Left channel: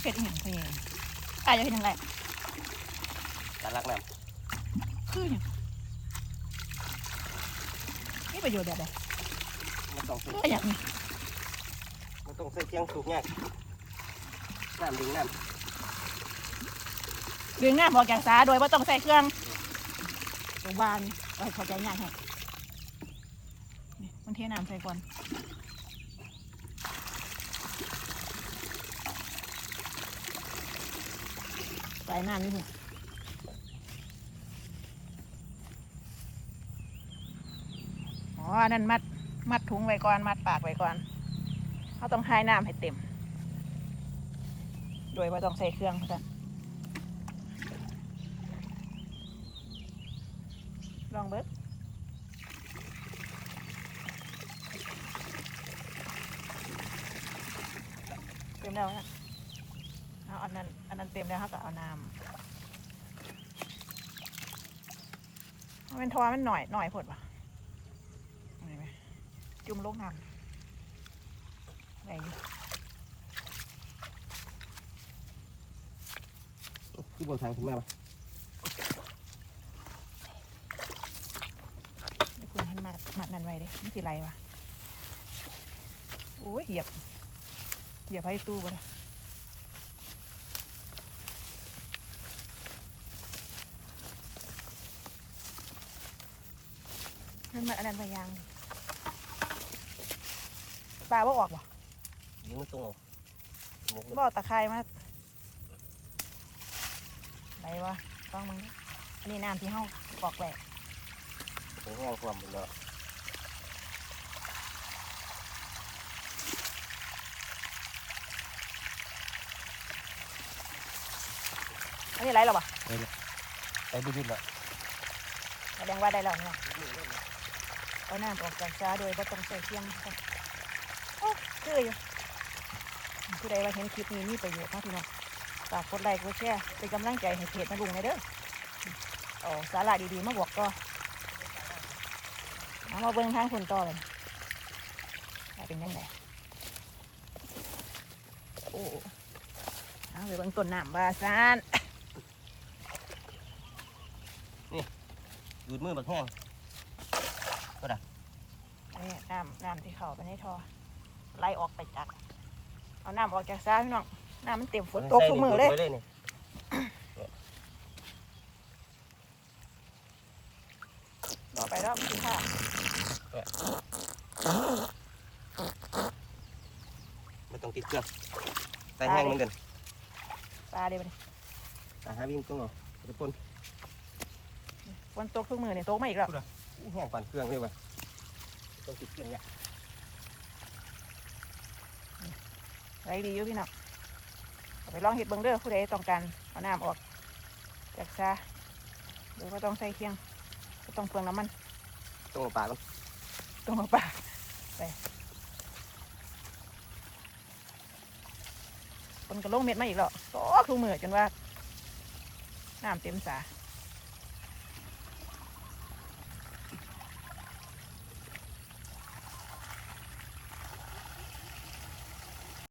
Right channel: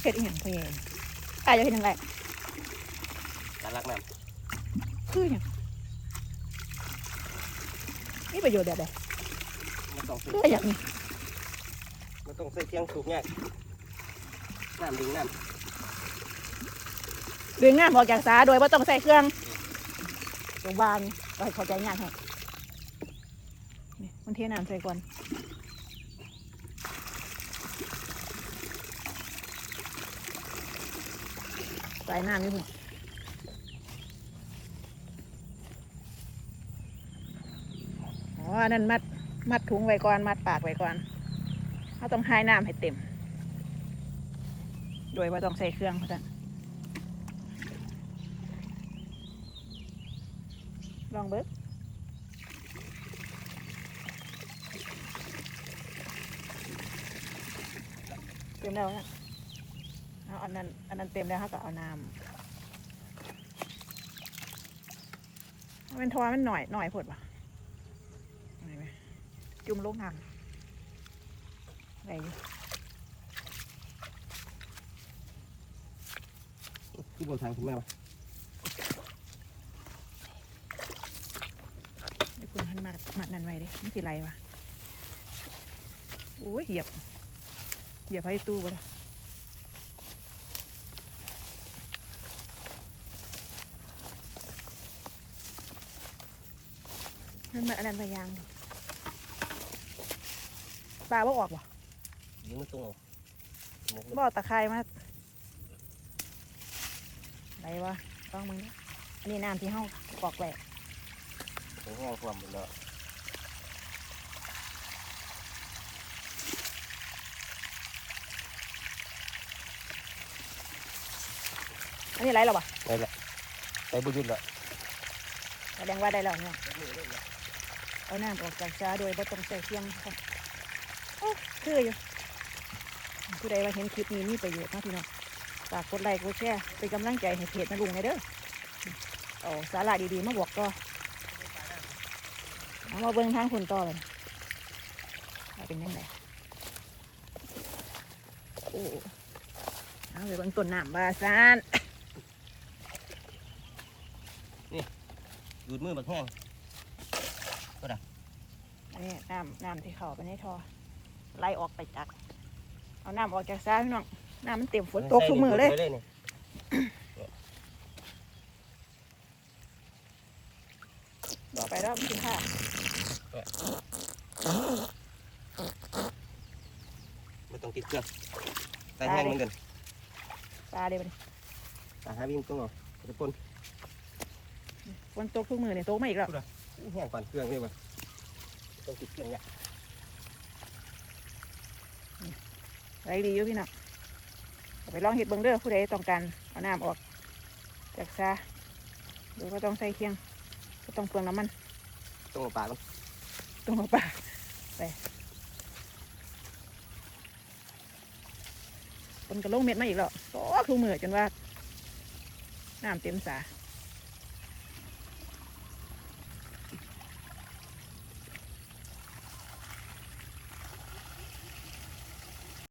เผ็ดอีหยังเพลงอายจะเห็นยังไงการลักน้ำคือหยังนี่ประโยชน์แบบใดำมันต้องใส่คืออย่างนี้มันต้องใส่เทียงสูบเนี่ยน้ำดึงน้เรียงงานออกจากสาโดยว่าต้องใส่เครื่องวางเข้าใจง่ายให้นี่มันเทน้ำใส่ก่อน ใส่น้ำนิดหนึ่งอ๋อนั่นมัด มัดถุงไว้ก่อน มัดปากไว้ก่อนเขาต้องให้น้ำให้เต็ม โดยว่าต้องใส่เครื่องจ้ะลองเบิกเต็มแล้วนะ อาอันนั้นอันนั้นเต็มแล้วเขาก็เอาน้ำมันทอมันหน่อยหน่อยผดปะเอาไหนไหมจุ่มลงทางไหนอยู่ำที่บนทางคุณแม่วะเดี๋ยวคุณหันมามานั่นไว้ดิมันสิไรวะโอ้ยเหยียบ เหยียบให้ตู้บ่ได้ มันมาอันนั้นมายังปลาบ่ออกบ่ยิงมันตรงเอาหมกเลยบ่อตะไคร้มาไรวะต้องมึงอันนี้น้ำที่ห้องกอกแหลกถึงแห้งความหมดแล้วอันนี้ไรหรอวะได้ละได้ไปยืนแล้วแสดงว่าได้แล้วเนี่ย เอาน้ำออกจากจ้าโดยบ่ต้องใส่เครื่องค่ะโอ้คืออยู่ผู้ใดว่าเห็นคลิปนี้มีประโยชน์นะพี่น้องฝากกดไลค์กดแชร์เป็นกำลังใจให้เพจนะลุงในเด้อเอาสาระดีๆมาบอกก็เอามาเบิ่งทางคนต่อเลยเป็นยังไงโอ้เอาไปเบิ่งต้นน้ำบาซานนี่ดูดมือบักแห้ง นี่น้ำน้ำที่เขาไปในท่อไล่ออกไปจากเอาน้ำออกจากซ้ายพี่น้องน้ำมันเต็มฝนตกทุกมือเลยใส่นี่ดูดไว้นี่บอกไปแล้วไม่ถึงค่ะไม่ต้องติดเครื่องใส่แห้งเหมือนกันปลาเดี๋ยวมันตาหาวิ่งตรงเอาตะปนฝนตกทุกมือเนี่ยตกมาอีกแล้ว แห้งก่อนเครื่องนี่วะต้องติดเครื่องเนี่ยไรดีอยู่พี่น้องเอาไปลองเห็ดเบิ้งเด้อผู้ใดต้องการเอาน้ำออกจากซาเดี๋ยวก็ต้องใส่เคียงก็ต้องเปลืองน้ำมันต้องเอาปากมันต้องมาปลาไปคนกระลงเม็ดมาอีกแล้วตกทุกมือจนว่าน้ำเต็มสา